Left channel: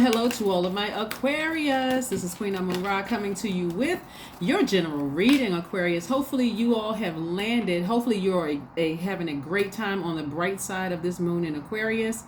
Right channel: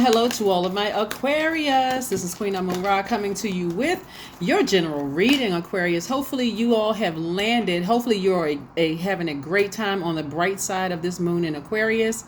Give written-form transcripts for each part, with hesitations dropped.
Hello to all of my Aquarius. This is Queen Amun-Ra coming to you with your general reading, Aquarius. Hopefully you all have landed. Hopefully you're having a great time on the bright side of this moon in Aquarius.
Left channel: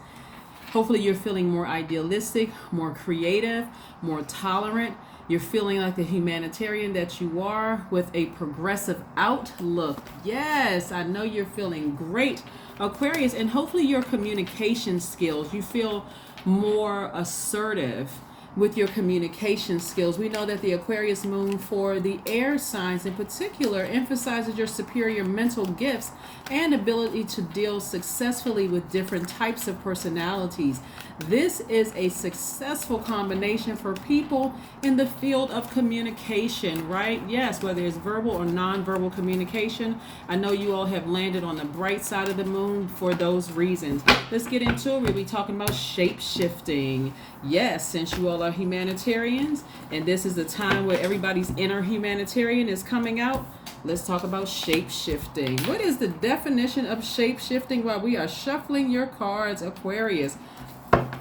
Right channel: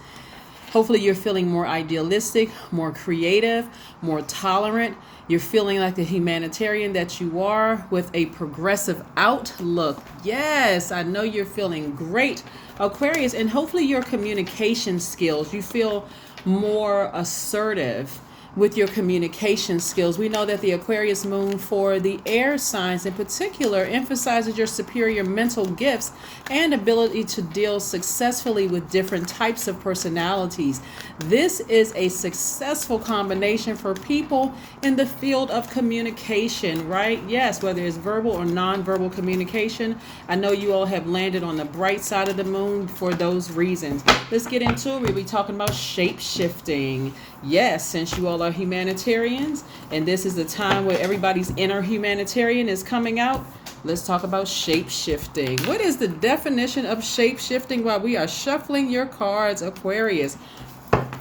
Hopefully you're feeling more idealistic, more creative, more tolerant. You're feeling like the humanitarian that you are with a progressive outlook. Yes, I know you're feeling great, Aquarius. And hopefully your communication skills, you feel more assertive with your communication skills. We know that the Aquarius moon for the air signs in particular emphasizes your superior mental gifts and ability to deal successfully with different types of personalities. This is a successful combination for people in the field of communication, right? Yes, whether it's verbal or non-verbal communication. I know you all have landed on the bright side of the moon for those reasons. Let's get into it. We'll be talking about shape-shifting. Yes, since you all are humanitarians, and this is the time where everybody's inner humanitarian is coming out, let's talk about shape-shifting. What is the definition of shape-shifting while we are shuffling your cards, Aquarius?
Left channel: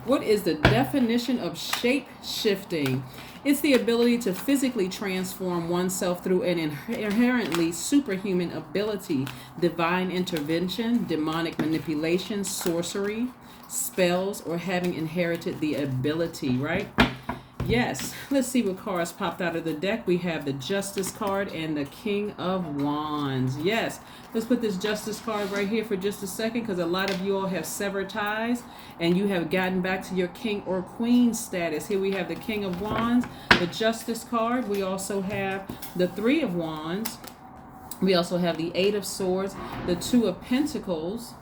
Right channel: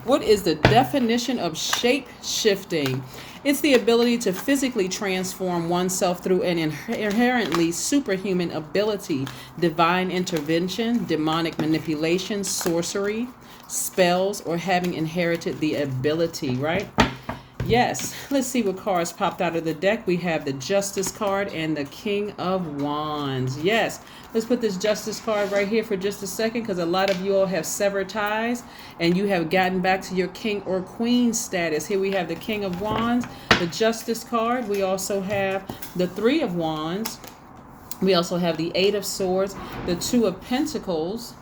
What is the definition of shape-shifting? It's the ability to physically transform oneself through an inherently superhuman ability, divine intervention, demonic manipulation, sorcery, spells, or having inherited the ability, right? Yes, let's see what cards popped out of the deck. We have the Justice card and the King of Wands. Yes, let's put this Justice card right here for just a second, because a lot of you all have severed ties and you have gotten back to your King or Queen status. Here we have the King of Wands, the Justice card. We also have the Three of Wands. We also have the Eight of Swords, the Two of Pentacles,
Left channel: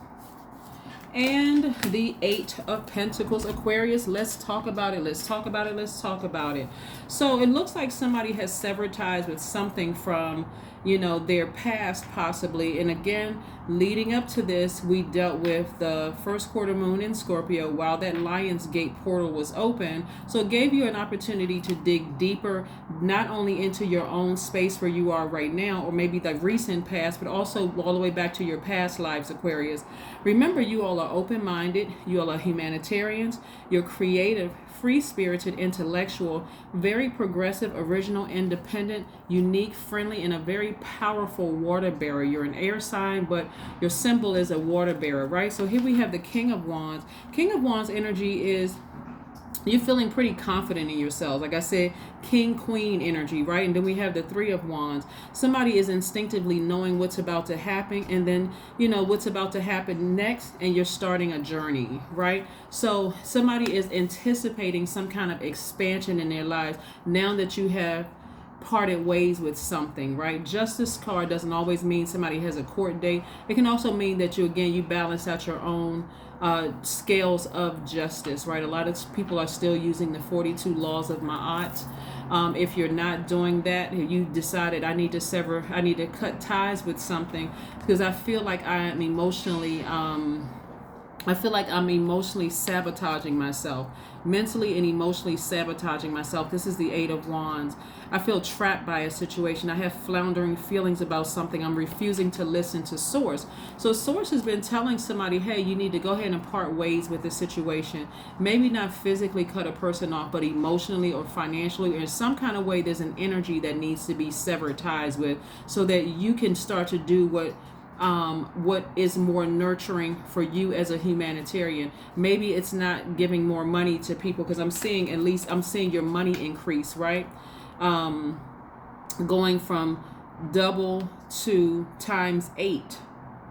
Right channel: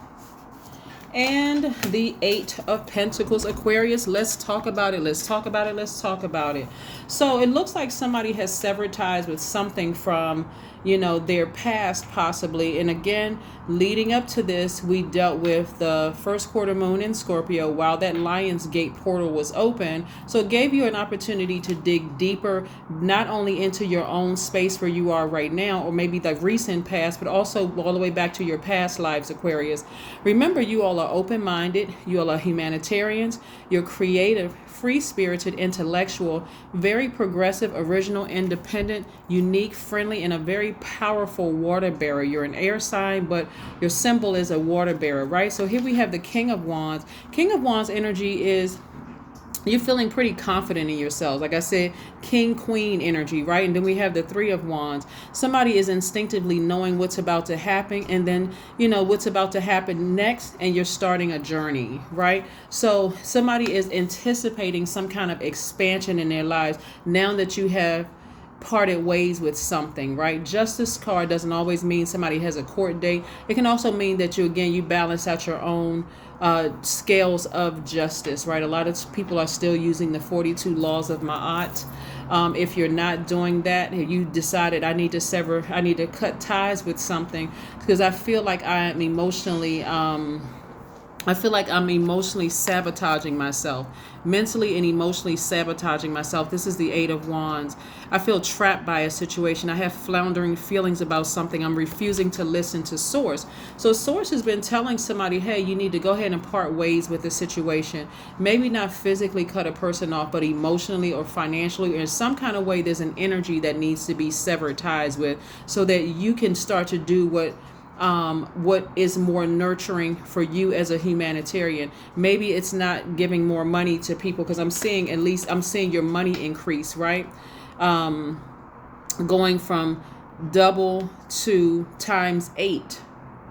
and the Eight of Pentacles. Aquarius, let's talk about it. Let's talk about it. Let's talk about it. So it looks like somebody has severed ties with something from, their past possibly. And again, leading up to this, we dealt with the first quarter moon in Scorpio while that Lion's Gate portal was open. So it gave you an opportunity to dig deeper, not only into your own space where you are right now, or maybe the recent past, but also all the way back to your past lives, Aquarius. Remember, you all are open-minded. You all are humanitarians. You're creative, free-spirited, intellectual, very progressive, original, independent, unique, friendly, and a very powerful water bearer. You're an air sign, but your symbol is a water bearer, right? So here we have the King of Wands. King of Wands energy is you're feeling pretty confident in yourselves. Like I said, King, Queen energy, right? And then we have the Three of Wands. Somebody is instinctively knowing what's about to happen, and then, what's about to happen next, and you're starting a journey, right? So somebody is anticipating some kind of expansion in their lives now that you have parted ways with something, right? Justice card doesn't always mean somebody has a court date. It can also mean that you balance out your own scales of justice, right? A lot of people are still using the 42 laws of Ma'at. If you're not doing that, you decided I need to cut ties with something, because I feel like I'm emotionally sabotaging myself, mentally and emotionally sabotaging myself. This is the Eight of Wands. I feel trapped by a situation. I have floundering feelings about something. I'm refusing to listen to Source. So Source has been telling somebody, hey, you need to go ahead and part ways with the situation. Maybe not physically cut a person off, but emotionally or financially or in some kind of way, there's an energy that needs to be severed ties with, so that you can start to do what is more nurturing for you as a humanitarian. Maybe it's not giving more money to people, because I'm seeing your money increase, right? Going from double to times 8,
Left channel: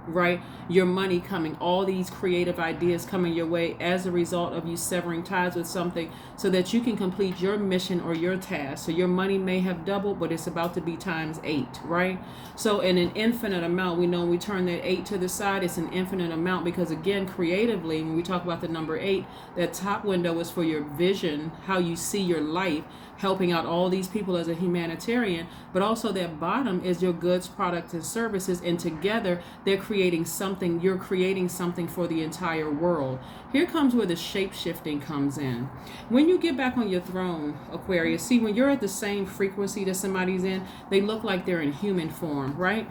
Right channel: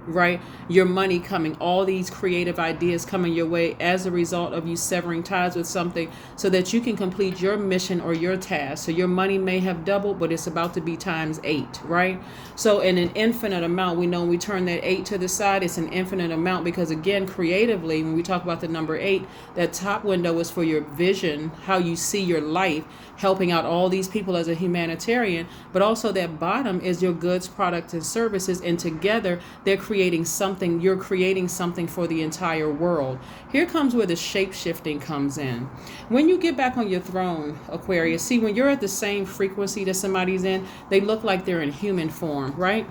right? Your money coming, all these creative ideas coming your way as a result of you severing ties with something, so that you can complete your mission or your task. So your money may have doubled, but it's about to be times 8, right? So in an infinite amount, we know when we turn that 8 to the side, it's an infinite amount, because again, creatively, when we talk about the number 8, that top window is for your vision, how you see your life, helping out all these people as a humanitarian, but also that bottom is your goods, products, and services, and together you're creating something for the entire world. Here comes where the shape-shifting comes in. When you get back on your throne, Aquarius, see, when you're at the same frequency that somebody's in, they look like they're in human form, right?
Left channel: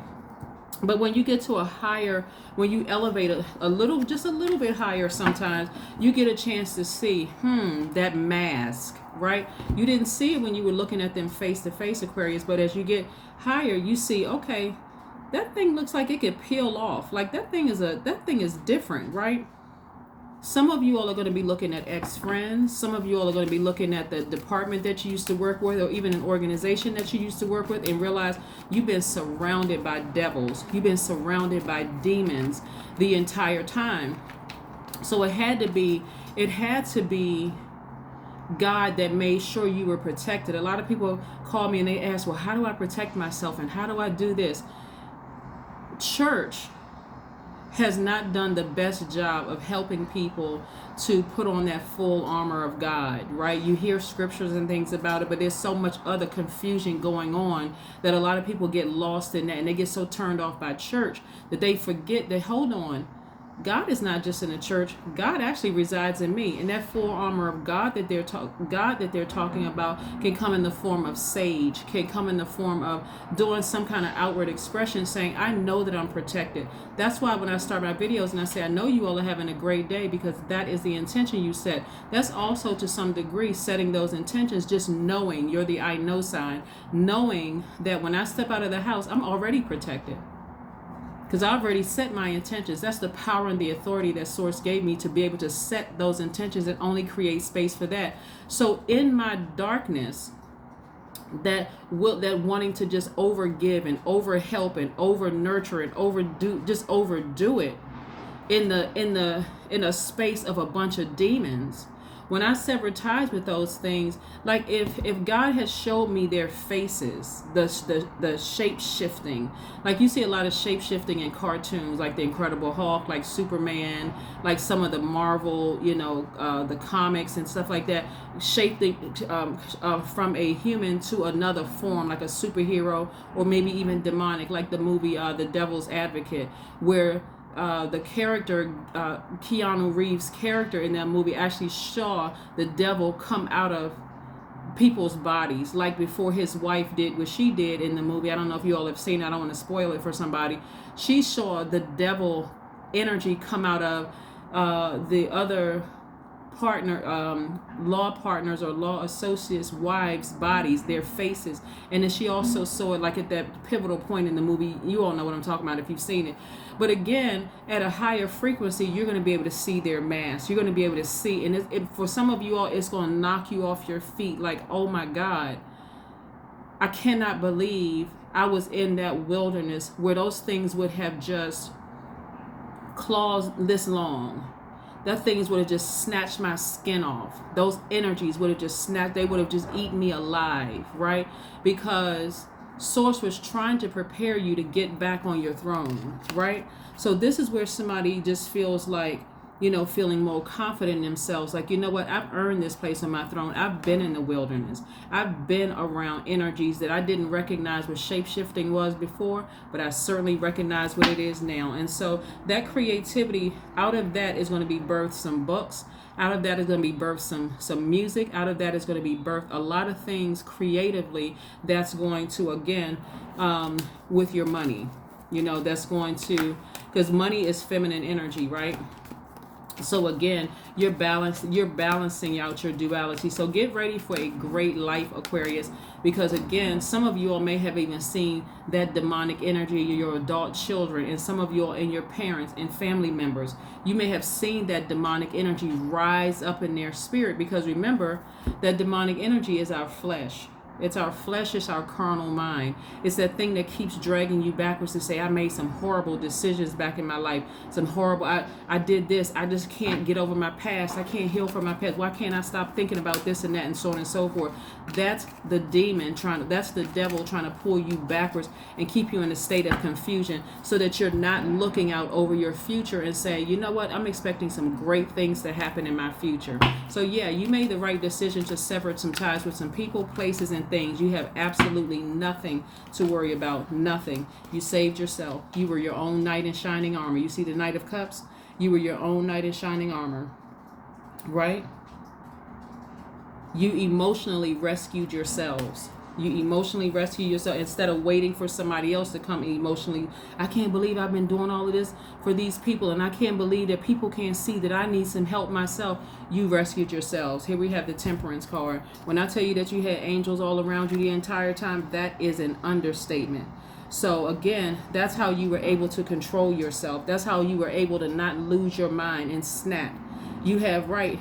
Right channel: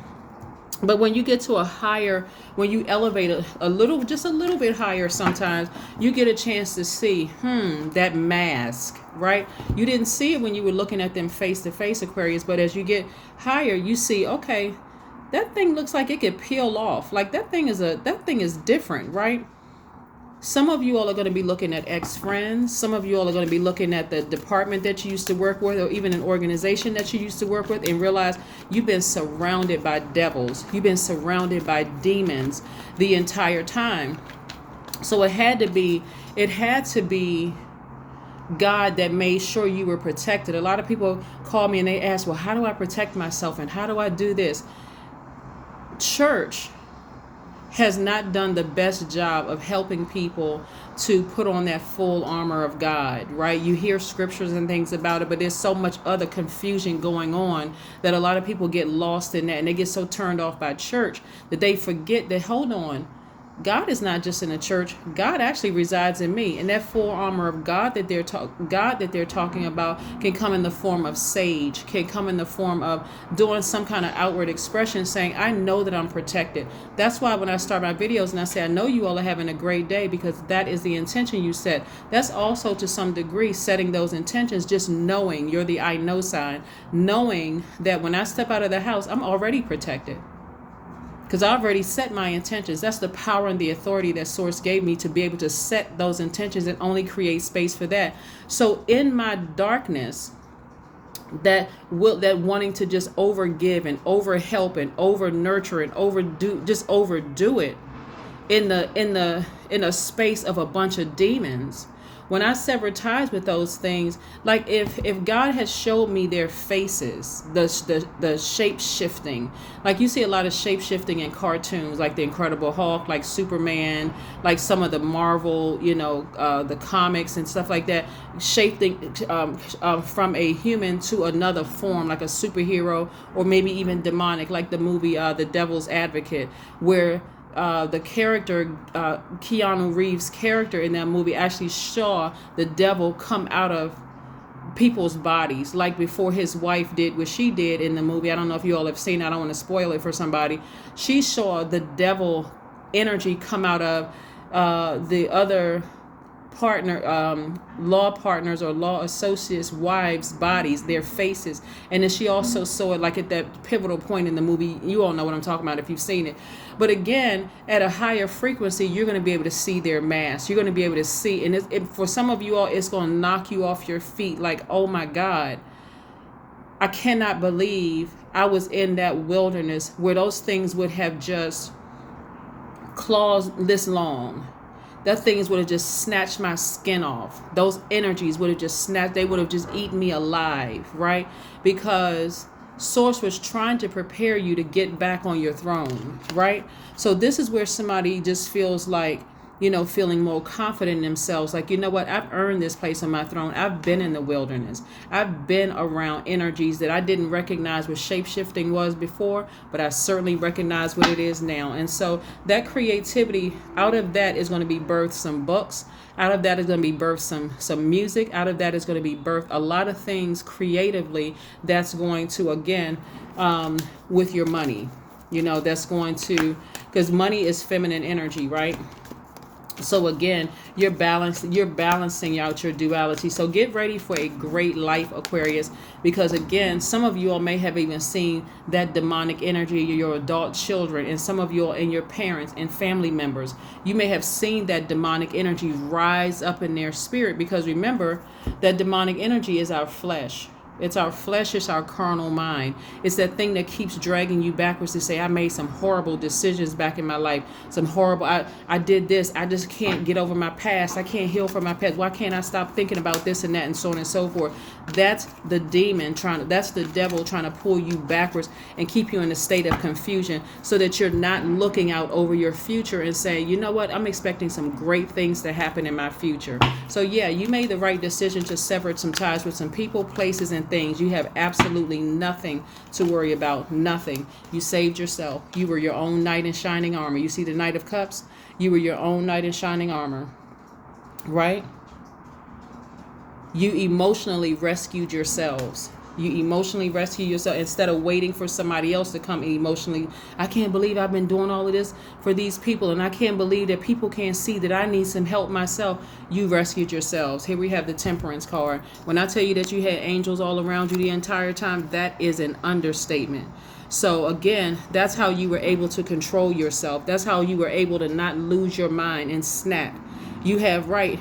But when you get to a higher, when you elevate a little, just a little bit higher, sometimes you get a chance to see, that mask, right? You didn't see it when you were looking at them face to face, Aquarius, but as you get higher, you see, okay, that thing looks like it could peel off. Like that thing is different, right? Some of you all are going to be looking at ex-friends. Some of you all are going to be looking at the department that you used to work with, or even an organization that you used to work with, and realize you've been surrounded by devils. You've been surrounded by demons the entire time. So it had to be God that made sure you were protected. A lot of people call me and they ask, well, how do I protect myself and how do I do this? Church has not done the best job of helping people to put on that full armor of God, right? You hear scriptures and things about it, but there's so much other confusion going on that a lot of people get lost in that, and they get so turned off by church that they forget that, hold on, God is not just in a church. God actually resides in me, and that full armor of God that they're talking about can come in the form of sage, can come in the form of doing some kind of outward expression, saying, "I know that I'm protected." That's why when I start my videos and I say, "I know you all are having a great day," because that is the intention you set. That's also to some degree setting those intentions, just knowing you're the I know sign, knowing that when I step out of the house, I'm already protected. Because I already set my intentions. That's the power and the authority that Source gave me to be able to set those intentions and only create space for that. So in my darkness, that wanting to just overgive and overhelp and over nurture and overdo it in a space of a bunch of demons. When I sever ties with those things, like if God has showed me their faces, the shape shifting, like you see a lot of shape shifting in cartoons, like the Incredible Hulk, like Superman, like some of the Marvel, the comics and stuff like that, shaping from a human to another form, like a superhero or maybe even demonic, like the movie The Devil's Advocate, where the character, Keanu Reeves' character in that movie actually saw the devil come out of people's bodies, like before his wife did what she did in the movie. I don't know if you all have seen it. I don't want to spoil it for somebody. She saw the devil energy come out of the other law partners or law associates' wives' bodies, their faces. And then she also saw it like at that pivotal point in the movie. You all know what I'm talking about if you've seen it. But again, at a higher frequency, you're going to be able to see their mask. You're going to be able to see. And for some of you all, it's going to knock you off your feet. Like, oh my God, I cannot believe I was in that wilderness where those things would have just claws this long. That things would have just snatched my skin off. Those energies would have just snatched, they would have just eaten me alive, right? Because Source was trying to prepare you to get back on your throne, right? So this is where somebody just feels like, feeling more confident in themselves. Like, you know what? I've earned this place on my throne. I've been in the wilderness. I've been around energies that I didn't recognize what shape-shifting was before, but I certainly recognize what it is now. And so that creativity, out of that is going to be birthed some books. Out of that is going to be birthed some music. Out of that is going to be birthed a lot of things creatively that's going to, again, with your money, that's going to, because money is feminine energy, right? So again, you're balancing out your duality. So get ready for a great life, Aquarius, because again, some of you all may have even seen that demonic energy, your adult children, and some of you all and your parents and family members. You may have seen that demonic energy rise up in their spirit, because remember that demonic energy is our flesh. It's our flesh, it's our carnal mind. It's that thing that keeps dragging you backwards to say, I made some horrible decisions back in my life. I did this. I just can't get over my past. I can't heal from my past. Why can't I stop thinking about this and that and so on and so forth? That's the demon that's the devil trying to pull you backwards and keep you in a state of confusion so that you're not looking out over your future and saying, you know what, I'm expecting some great things to happen in my future. So yeah, you made the right decision to sever some ties with some people, places, and things. You have absolutely nothing to worry about. Nothing. You saved yourself. You were your own knight in shining armor. You see the Knight of Cups? You were your own knight in shining armor. Right? You emotionally rescued yourselves. You emotionally rescue yourself instead of waiting for somebody else to come emotionally. I can't believe I've been doing all of this for these people, and I can't believe that people can't see that I need some help myself. You rescued yourselves. Here we have the Temperance card. When I tell you that you had angels all around you the entire time, that is an understatement. So again, that's how you were able to control yourself. That's how you were able to not lose your mind and snap. You have right,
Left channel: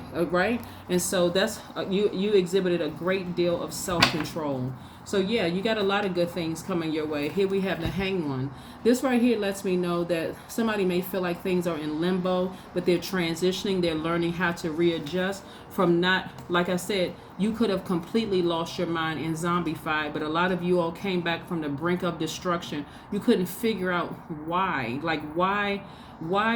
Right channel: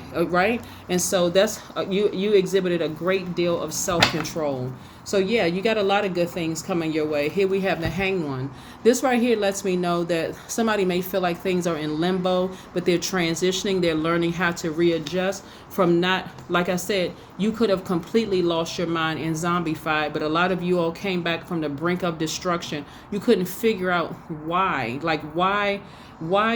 and so that's you exhibited a great deal of self-control. So yeah, you got a lot of good things coming your way. Here we have the Hanged One. This right here lets me know that somebody may feel like things are in limbo, but they're transitioning. They're learning how to readjust from not, like I said, you could have completely lost your mind and zombified, but a lot of you all came back from the brink of destruction. You couldn't figure out why. Like, why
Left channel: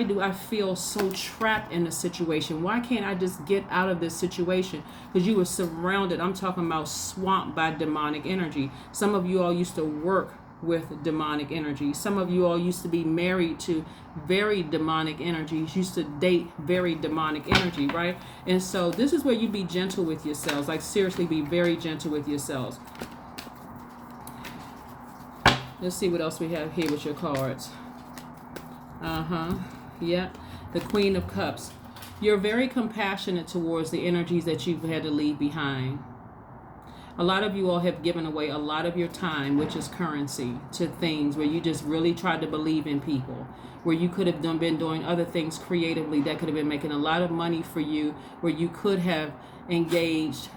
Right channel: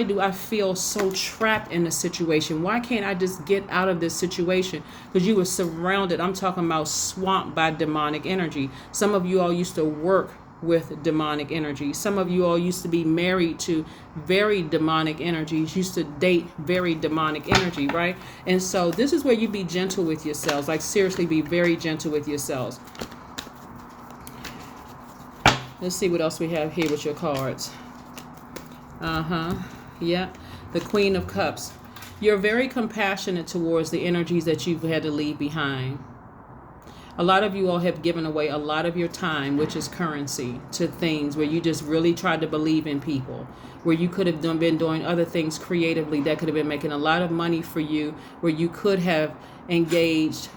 do I feel so trapped in the situation? Why can't I just get out of this situation? Because you were surrounded, I'm talking about swamped by demonic energy. Some of you all used to work with demonic energy. Some of you all used to be married to very demonic energies, used to date very demonic energy, right? And so this is where you be gentle with yourselves. Like, seriously, be very gentle with yourselves. Let's see what else we have here with your cards. Yeah. The Queen of Cups. You're very compassionate towards the energies that you've had to leave behind. A lot of you all have given away a lot of your time, which is currency, to things where you just really tried to believe in people, where you could have been doing other things creatively that could have been making a lot of money for you, where you could have engaged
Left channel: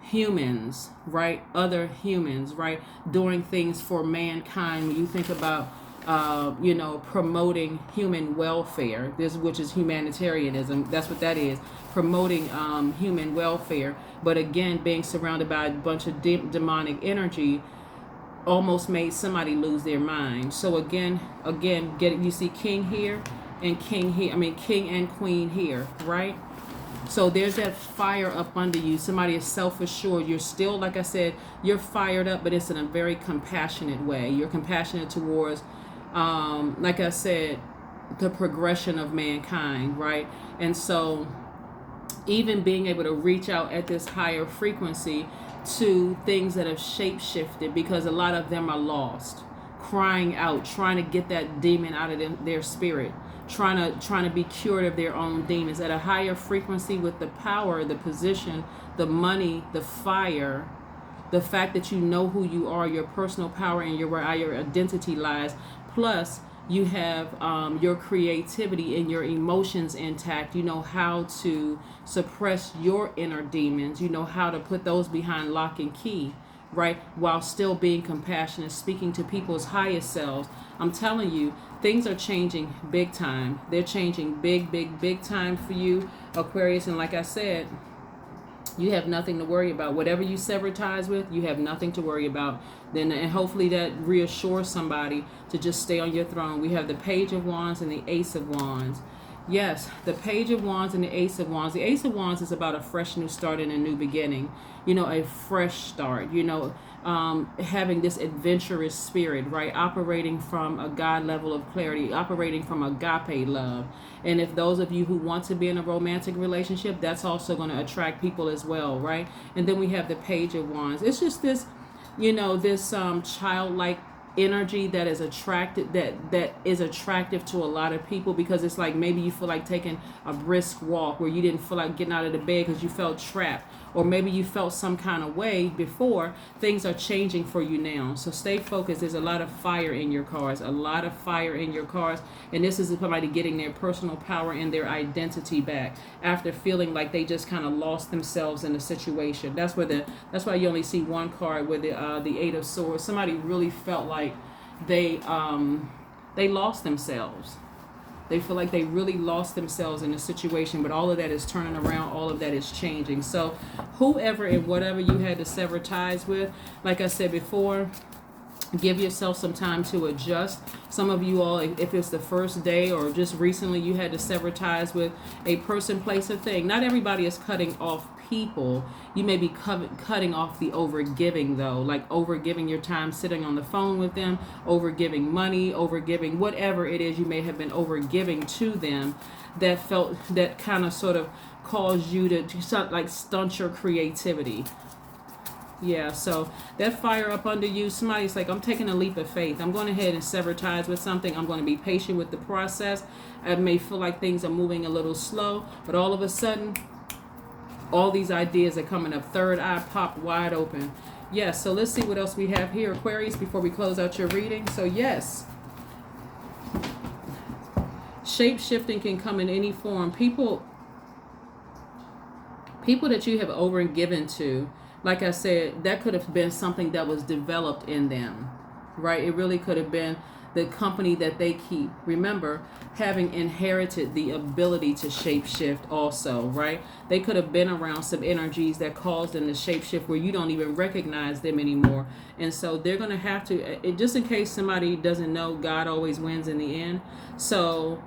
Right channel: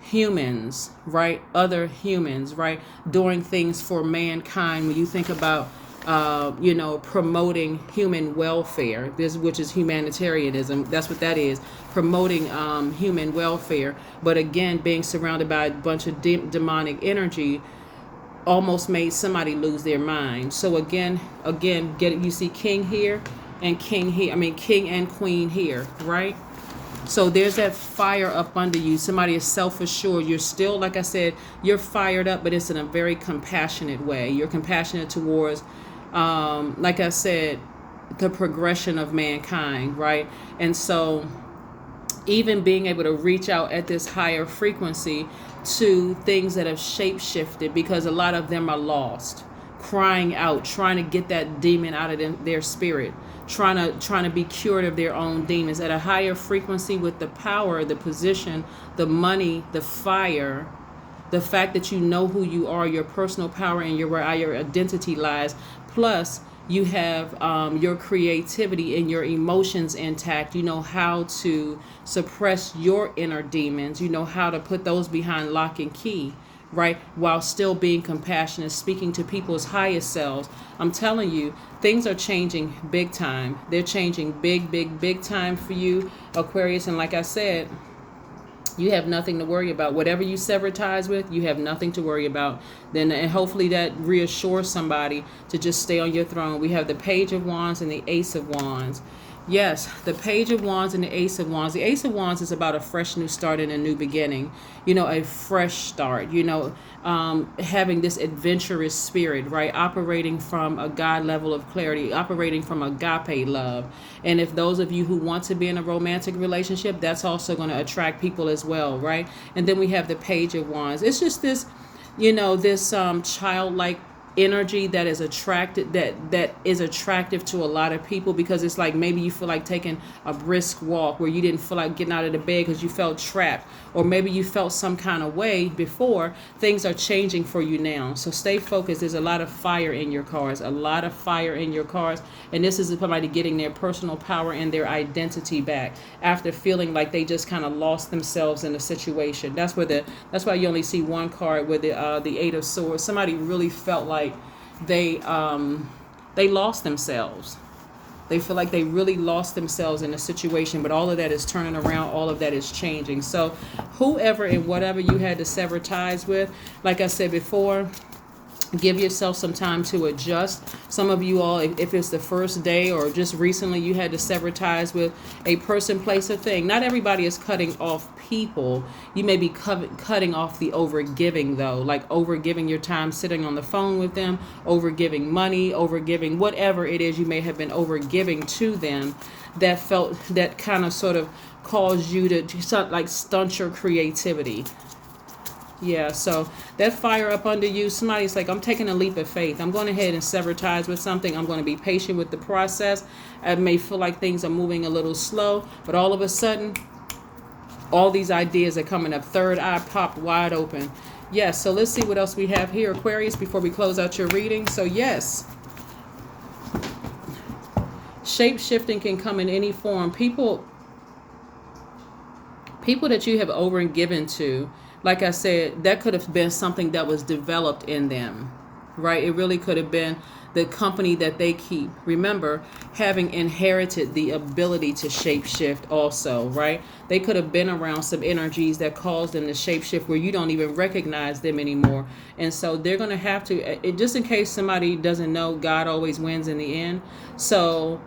humans, right? Other humans, right? Doing things for mankind. When you think about promoting human welfare, which is humanitarianism. That's what that is, promoting human welfare. But again, being surrounded by a bunch of demonic energy almost made somebody lose their mind. So again, you see King here and King here. I mean, King and Queen here, right? So there's that fire up under you. Somebody is self-assured. You're still, like I said, you're fired up, but it's in a very compassionate way. You're compassionate towards like I said, the progression of mankind, right? And so even being able to reach out at this higher frequency to things that have shape-shifted, because a lot of them are lost, crying out, trying to get that demon out of their spirit, trying to be cured of their own demons at a higher frequency with the power, the position, the money, the fire, the fact that you know who you are, your personal power, and where your identity lies. Plus, you have your creativity and your emotions intact. You know how to suppress your inner demons. You know how to put those behind lock and key, right? While still being compassionate, speaking to people's highest selves. I'm telling you, things are changing big time. They're changing big time for you, Aquarius. And like I said, you have nothing to worry about. Whatever you sever ties with, you have nothing to worry about. Then, and hopefully that reassures somebody to just stay on your throne. We have the Page of Wands and the Ace of Wands. Yes, the Page of Wands and the Ace of Wands. The Ace of Wands is about a fresh new start and a new beginning. A fresh start. Having this adventurous spirit, right? Operating from a God level of clarity, operating from agape love. And if those of you who want to be in a romantic relationship, that's also going to attract people as well, right? And then we have the Page of Wands. It's just this, this childlike energy that is attractive to a lot of people, because it's like maybe you feel like taking a brisk walk where you didn't feel like getting out of the bed because you felt trapped, or maybe you felt some kind of way before. Things are changing for you now, so stay focused. There's a lot of fire in your cards, and this is somebody getting their personal power and their identity back after feeling like they just kind of lost themselves in a situation. That's why you only see one card with the Eight of Swords. Somebody really felt like they lost themselves. They feel like they really lost themselves in a situation, but all of that is turning around. All of that is changing. So whoever and whatever you had to sever ties with, like I said before, give yourself some time to adjust. Some of you all, if it's the first day or just recently you had to sever ties with a person, place, or thing. Not everybody is cutting off people. You may be cutting off the overgiving, though, like overgiving your time sitting on the phone with them, overgiving money, overgiving whatever it is you may have been overgiving to them that kind of sort of caused you to like stunt your creativity. Yeah, so that fire up under you, somebody's like, I'm taking a leap of faith. I'm going ahead and sever ties with something. I'm going to be patient with the process. I may feel like things are moving a little slow, but all of a sudden, all these ideas are coming up. Third eye popped wide open. Yes, so let's see what else we have here, Aquarius, before we close out your reading. So yes, shape-shifting can come in any form. People that you have over and given to, like I said, that could have been something that was developed in them, right? It really could have been the company that they keep. Remember, having inherited the ability to shapeshift also, right? They could have been around some energies that caused them to shapeshift where you don't even recognize them anymore. And so they're going to have to, just in case somebody doesn't know, God always wins in the end. So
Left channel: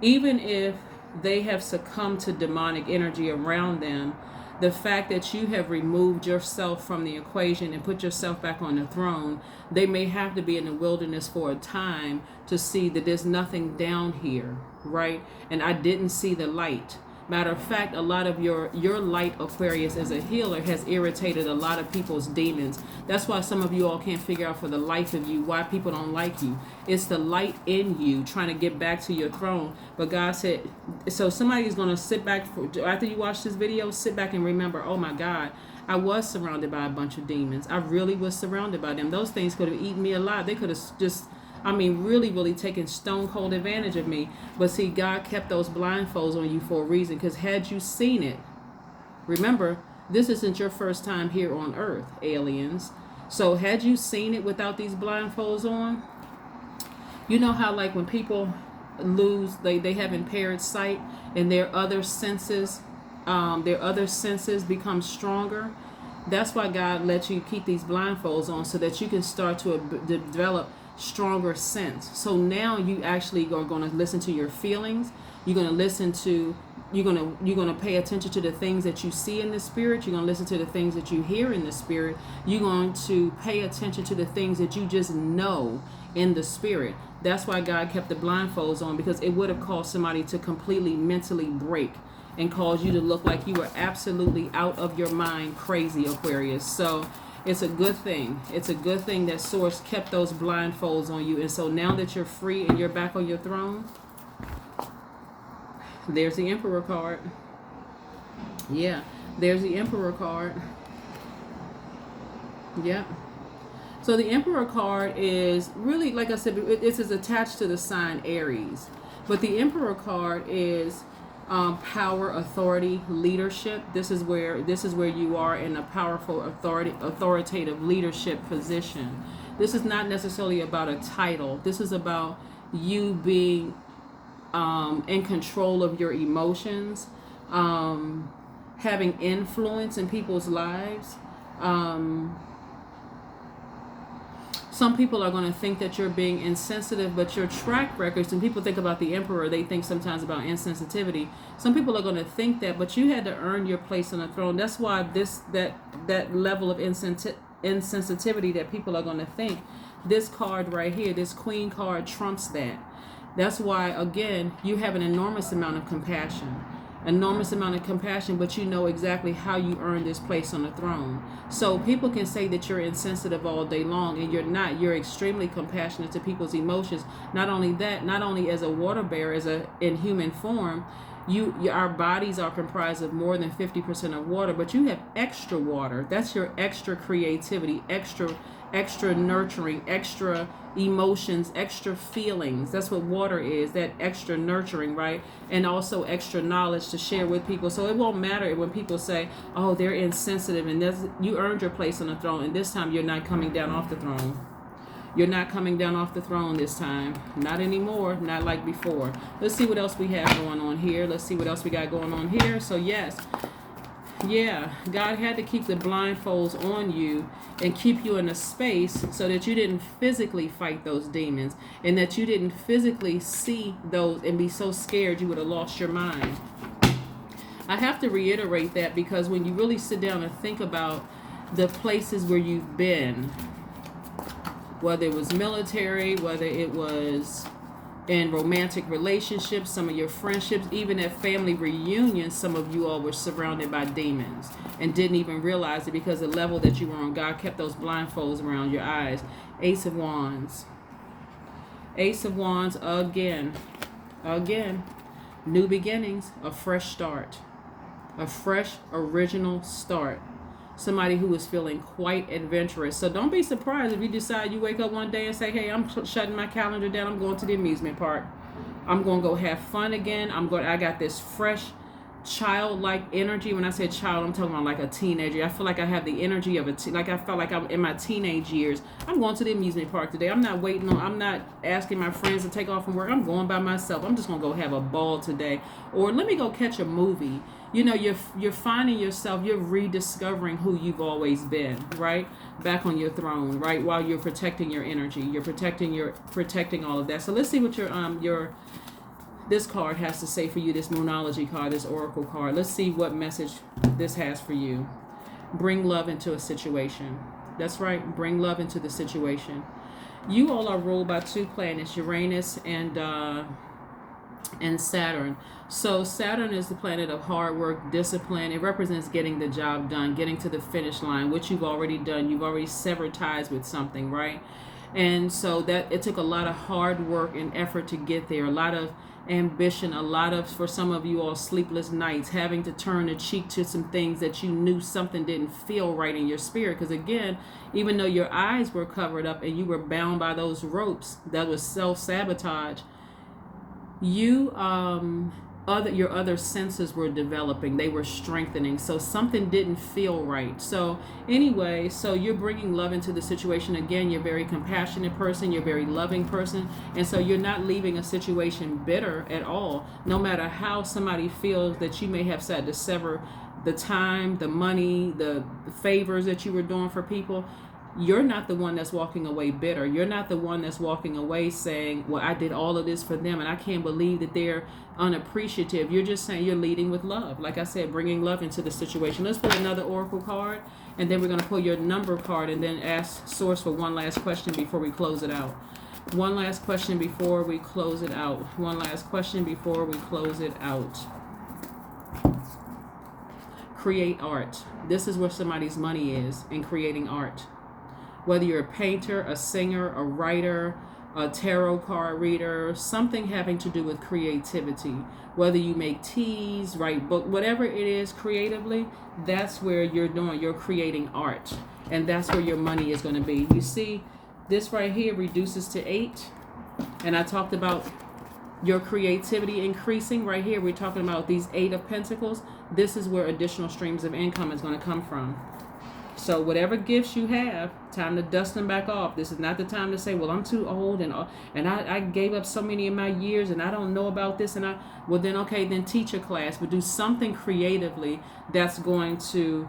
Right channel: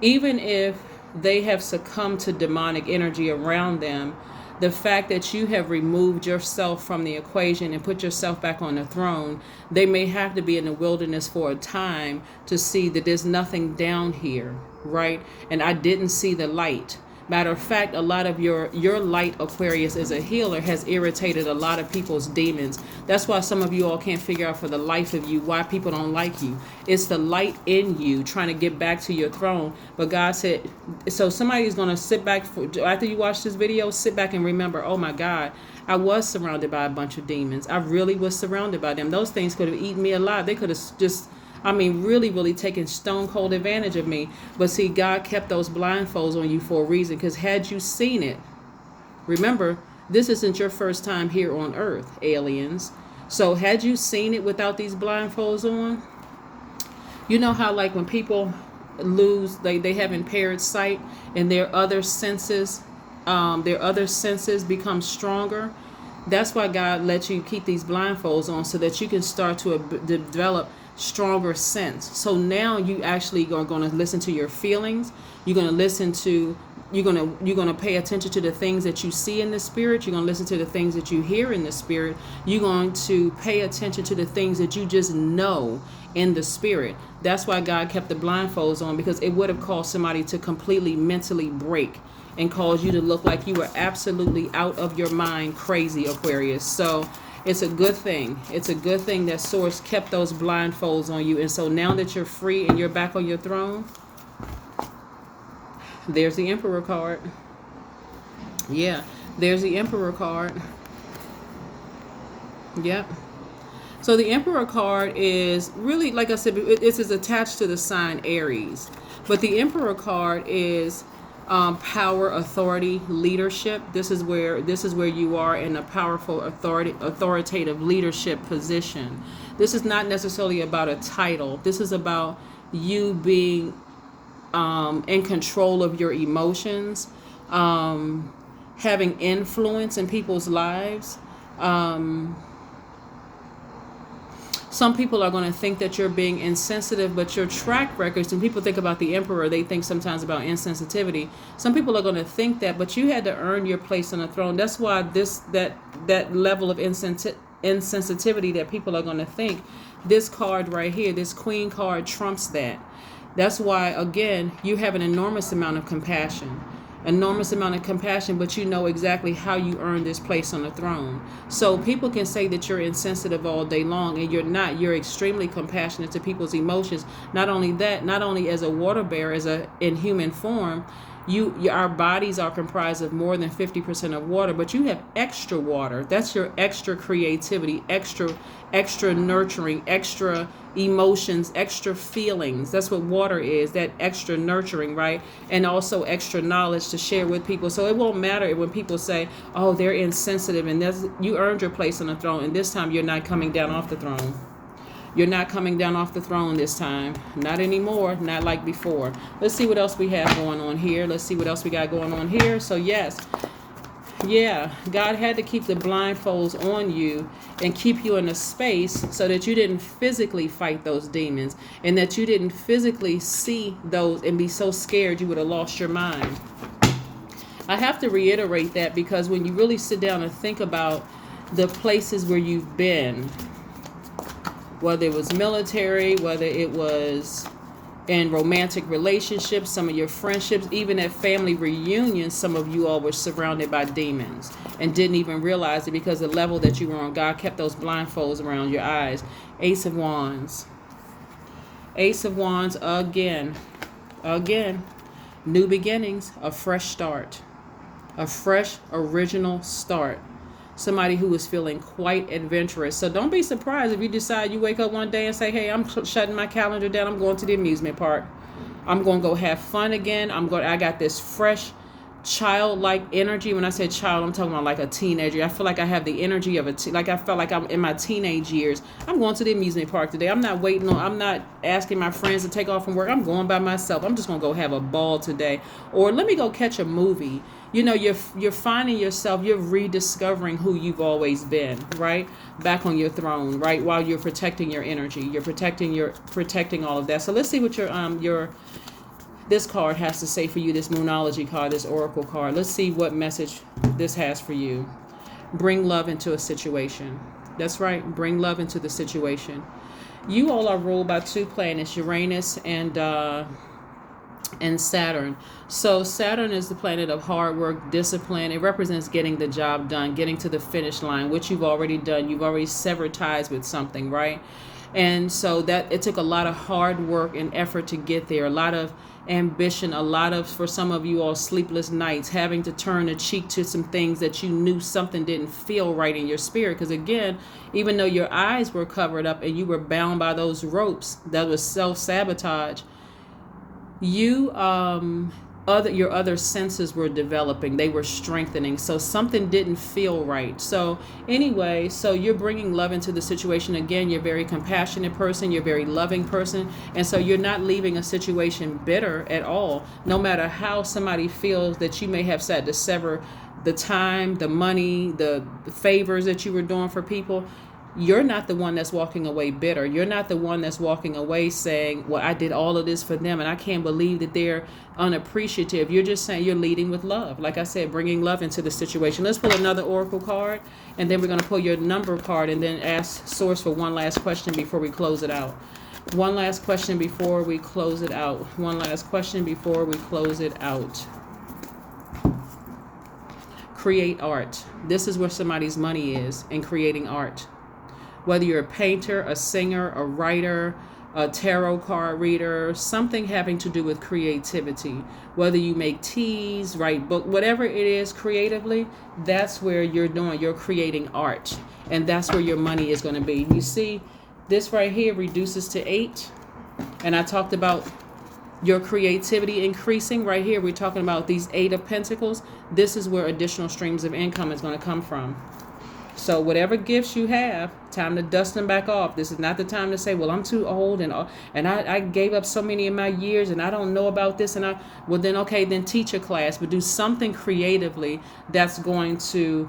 even if they have succumbed to demonic energy around them, the fact that you have removed yourself from the equation and put yourself back on the throne, they may have to be in the wilderness for a time to see that there's nothing down here, right? And I didn't see the light. Matter of fact, a lot of your light, Aquarius, as a healer has irritated a lot of people's demons. That's why some of you all can't figure out for the life of you why people don't like you. It's the light in you trying to get back to your throne. But God said, so somebody's going to sit back, after you watch this video, sit back and remember, oh my God, I was surrounded by a bunch of demons. I really was surrounded by them. Those things could have eaten me alive. They could have just, really, really taken stone cold advantage of me. But see, God kept those blindfolds on you for a reason. Because had you seen it, remember, this isn't your first time here on Earth, aliens. So had you seen it without these blindfolds on, you know how like when people lose, they have impaired sight and their other senses become stronger. That's why God lets you keep these blindfolds on so that you can start to develop stronger sense. So now you actually are going to listen to your feelings. You're going to listen to, you're going to pay attention to the things that you see in the spirit. You're going to listen to the things that you hear in the spirit. You're going to pay attention to the things that you just know in the spirit. That's why God kept the blindfolds on, because it would have caused somebody to completely mentally break and cause you to look like you were absolutely out of your mind, crazy, Aquarius. So it's a good thing. It's a good thing that Source kept those blindfolds on you. And so now that you're free and you're back on your throne, there's the Emperor card. Yeah, there's the Emperor card. Yep. So the Emperor card is really, like I said, it is attached to the sign Aries. But the Emperor card is power, authority, leadership. This is where you are in a powerful authoritative leadership position. This is not necessarily about a title. This is about you being in control of your emotions, having influence in people's lives. Some people are going to think that you're being insensitive, but your track records, when people think about the Emperor, they think sometimes about insensitivity. Some people are going to think that, but you had to earn your place on the throne. That's why that level of insensitivity that people are going to think, this card right here, this Queen card, trumps that. That's why, again, you have an enormous amount of compassion. But you know exactly how you earned this place on the throne. So people can say that you're insensitive all day long, and you're not. You're extremely compassionate to people's emotions. Not only that, not only as a water bearer, in human form, our bodies are comprised of more than 50% of water, but you have extra water. That's your extra creativity, extra nurturing, extra emotions, extra feelings. That's what water is, that extra nurturing, right? And also extra knowledge to share with people. So it won't matter when people say, oh, they're insensitive, and you earned your place on the throne, and this time you're not coming down off the throne. You're not coming down off the throne this time. Not anymore. Not like before. Let's see what else we have going on here. Let's see what else we got going on here. So yes, yeah, God had to keep the blindfolds on you and keep you in a space so that you didn't physically fight those demons, and that you didn't physically see those and be so scared you would have lost your mind. I have to reiterate that, because when you really sit down and think about the places where you've been, whether it was military, whether it was in romantic relationships, some of your friendships, even at family reunions, some of you all were surrounded by demons and didn't even realize it because the level that you were on, God kept those blindfolds around your eyes. Ace of Wands. Ace of Wands again. Again. New beginnings, a fresh start. A fresh, original start. Somebody who is feeling quite adventurous. So don't be surprised if you decide you wake up one day and say, hey, I'm shutting my calendar down. I'm going to the amusement park. I'm going to go have fun again. I got this fresh, childlike energy. When I say child, I'm talking about like a teenager. I feel like I have the energy of I felt like I'm in my teenage years. I'm going to the amusement park today. I'm not asking my friends to take off from work. I'm going by myself. I'm just going to go have a ball today. Or let me go catch a movie. You know, you're finding yourself, you're rediscovering who you've always been, right? Back on your throne, right? While you're protecting your energy, you're protecting all of that. So let's see what this card has to say for you, this Moonology card, this Oracle card. Let's see what message this has for you. Bring love into a situation. That's right, bring love into the situation. You all are ruled by two planets, Uranus and Saturn. So Saturn is the planet of hard work, discipline. It represents getting the job done, getting to the finish line, which you've already done. You've already severed ties with something, right? And so that it took a lot of hard work and effort to get there, a lot of ambition, a lot of, for some of you all, sleepless nights, having to turn a cheek to some things that you knew something didn't feel right in your spirit. Because again, even though your eyes were covered up and you were bound by those ropes, that was self-sabotage, your other senses were developing, they were strengthening, so something didn't feel right. So anyway, so you're bringing love into the situation. Again, you're a very compassionate person, you're a very loving person, and so you're not leaving a situation bitter at all, no matter how somebody feels that you may have said to sever the time, the money, the favors that you were doing for people. You're not the one that's walking away bitter. You're not the one that's walking away saying, well, I did all of this for them and I can't believe that they're unappreciative. You're just saying you're leading with love. Like I said, bringing love into the situation. Let's pull another Oracle card, and then we're going to pull your number card and then ask Source for one last question before we close it out. One last question before we close it out. One last question before we close it out. Create art. This is where somebody's money is, in creating art. Whether you're a painter, a singer, a writer, a tarot card reader, something having to do with creativity. Whether you make teas, write book, whatever it is creatively, that's where you're creating art. And that's where your money is going to be. You see, this right here reduces to 8. And I talked about your creativity increasing. Right here, we're talking about these 8 of Pentacles. This is where additional streams of income is going to come from. So whatever gifts you have, time to dust them back off. This is not the time to say, well, I'm too old and I gave up so many of my years and I don't know about this. Well, then, okay, then teach a class, but do something creatively that's going to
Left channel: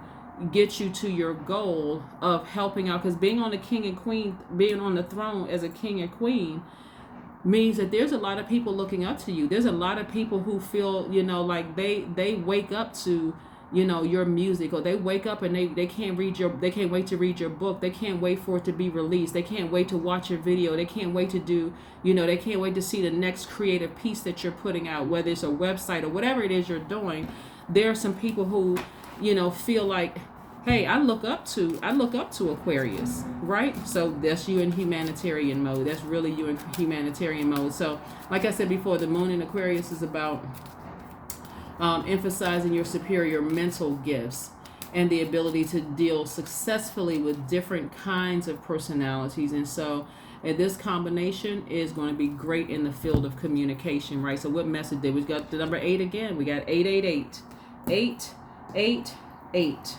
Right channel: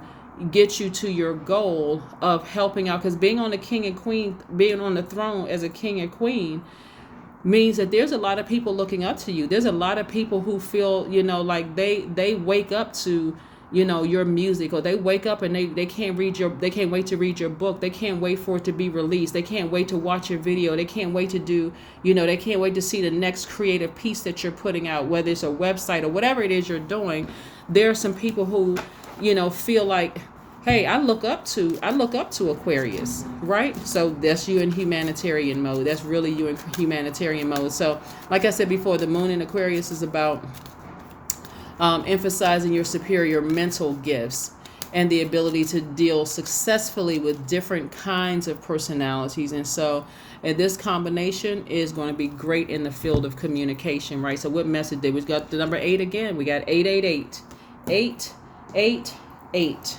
get you to your goal of helping out. Because being on the king and queen, being on the throne as a king and queen means that there's a lot of people looking up to you. There's a lot of people who feel, like they wake up to, your music, or they wake up and they can't wait to read your book. They can't wait for it to be released. They can't wait to watch your video. They can't wait to do, they can't wait to see the next creative piece that you're putting out, whether it's a website or whatever it is you're doing. There are some people who, feel like, hey, I look up to Aquarius, right? So that's you in humanitarian mode. That's really you in humanitarian mode. So like I said before, the moon in Aquarius is about emphasizing your superior mental gifts and the ability to deal successfully with different kinds of personalities. And so this combination is going to be great in the field of communication, right? So what message did we got? The number 8 again. We got 888. 888.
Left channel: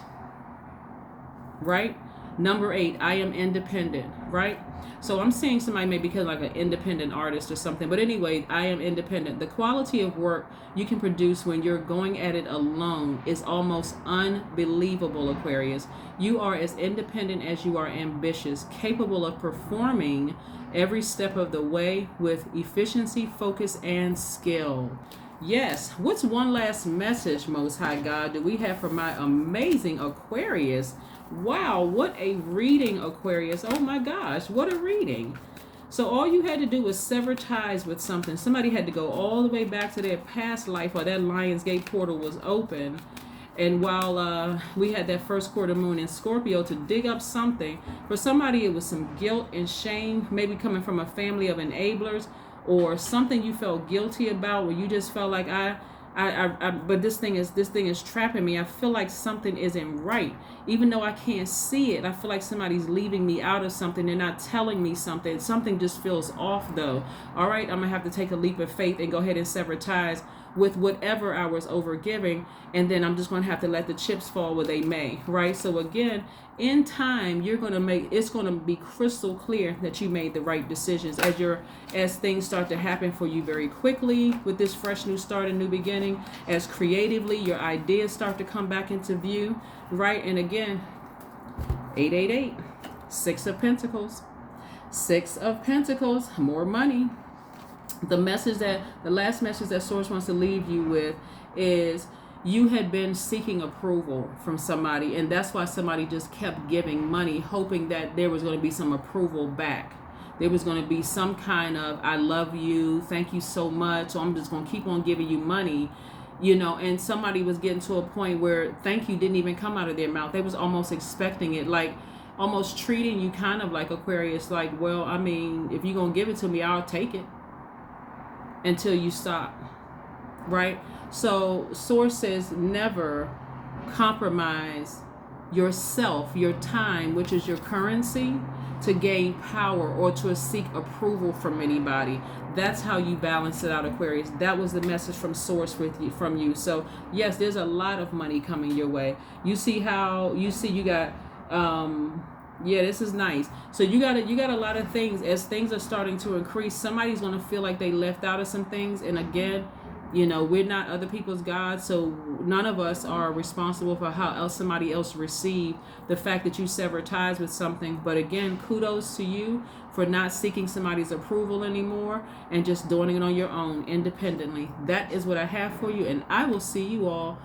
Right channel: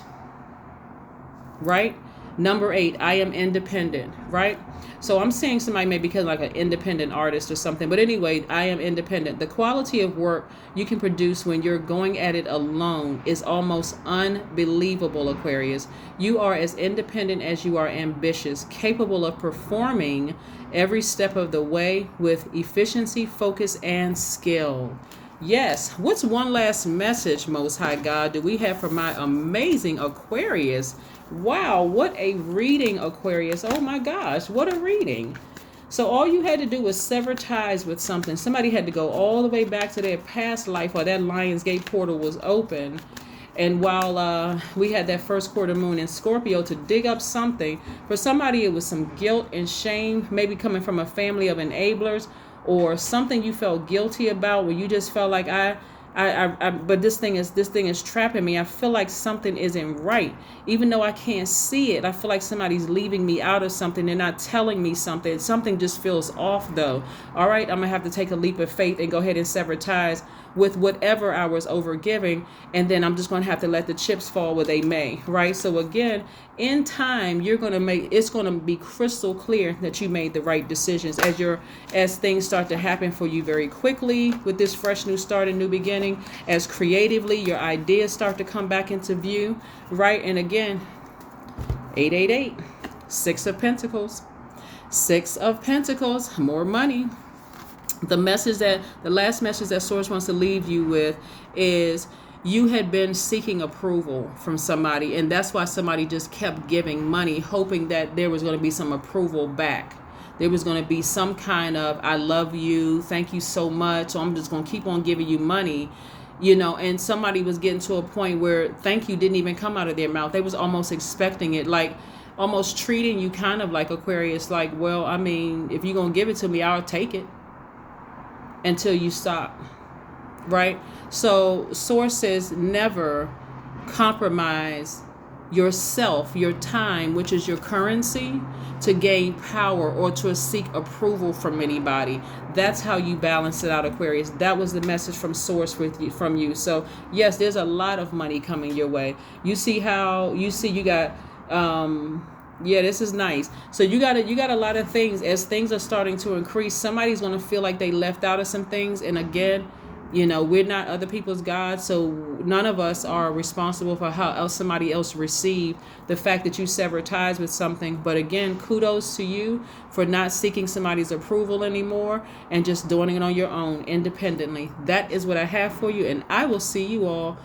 Right? Number 8, I am independent, right? So I'm saying somebody may become like an independent artist or something. But anyway, I am independent. The quality of work you can produce when you're going at it alone is almost unbelievable, Aquarius. You are as independent as you are ambitious, capable of performing every step of the way with efficiency, focus, and skill. Yes. What's one last message, Most High God, do we have for my amazing Aquarius? Wow, what a reading, Aquarius. Oh my gosh, what a reading. So all you had to do was sever ties with something. Somebody had to go all the way back to their past life while that Lionsgate portal was open. And while we had that first quarter moon in Scorpio to dig up something, for somebody it was some guilt and shame, maybe coming from a family of enablers, or something you felt guilty about, where you just felt like but this thing is trapping me. I feel like something isn't right, even though I can't see it. I feel like somebody's leaving me out of something. They're not telling me something. Something just feels off, though. All right, I'm gonna have to take a leap of faith and go ahead and sever ties with whatever I was overgiving, and then I'm just going to have to let the chips fall where they may, right? So again, in time, it's going to be crystal clear that you made the right decisions as things start to happen for you very quickly with this fresh new start and new beginning, as creatively your ideas start to come back into view, right? And again, 888, Six of Pentacles, more money. The last message that Source wants to leave you with is you had been seeking approval from somebody, and that's why somebody just kept giving money, hoping that there was going to be some approval back. There was going to be some kind of, I love you, thank you so much, so I'm just going to keep on giving you money, and somebody was getting to a point where thank you didn't even come out of their mouth. They was almost expecting it, like almost treating you kind of like Aquarius, like, well, I mean, if you're going to give it to me, I'll take it. Until you stop, right? So sources never compromise yourself, your time, which is your currency, to gain power or to seek approval from anybody. That's how you balance it out, Aquarius. That was the message from Source from you. So yes, there's a lot of money coming your way. You got yeah, this is nice. So you got a lot of things. As things are starting to increase, somebody's going to feel like they left out of some things. And again, we're not other people's gods, so none of us are responsible for how else somebody else received the fact that you sever ties with something. But again, kudos to you for not seeking somebody's approval anymore and just doing it on your own independently. That is what I have for you, and I will see you all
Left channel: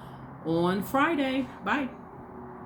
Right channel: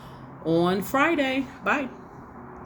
on Friday. Bye.